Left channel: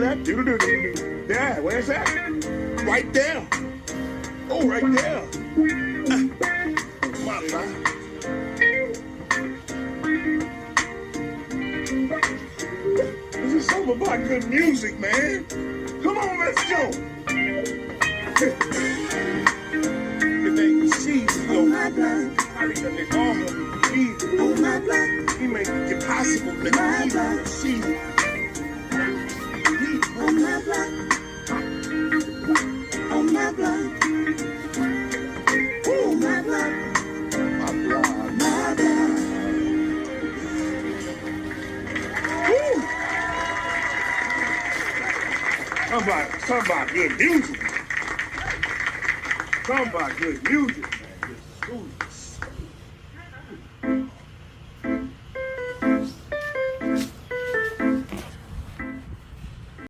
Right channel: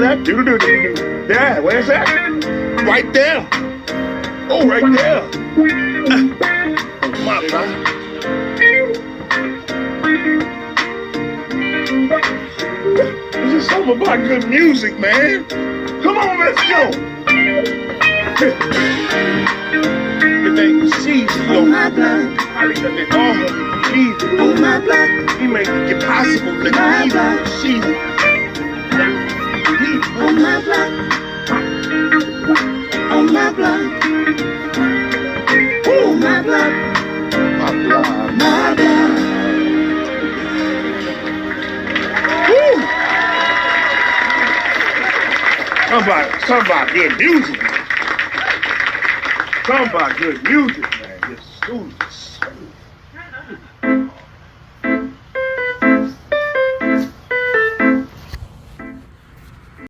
That do-do-do-do-do. Yeah, where's that? Right there. Oh, right there. My God. This is something about good music, man. Come on, let's go. Everything is season, yo. My blood. Oh, my blood. He make it possible to keep the season. Oh, my blood. Oh, my blood. Oh, my blood. My blood. My blood. Woo! Something about good music. Something about good music, man. Just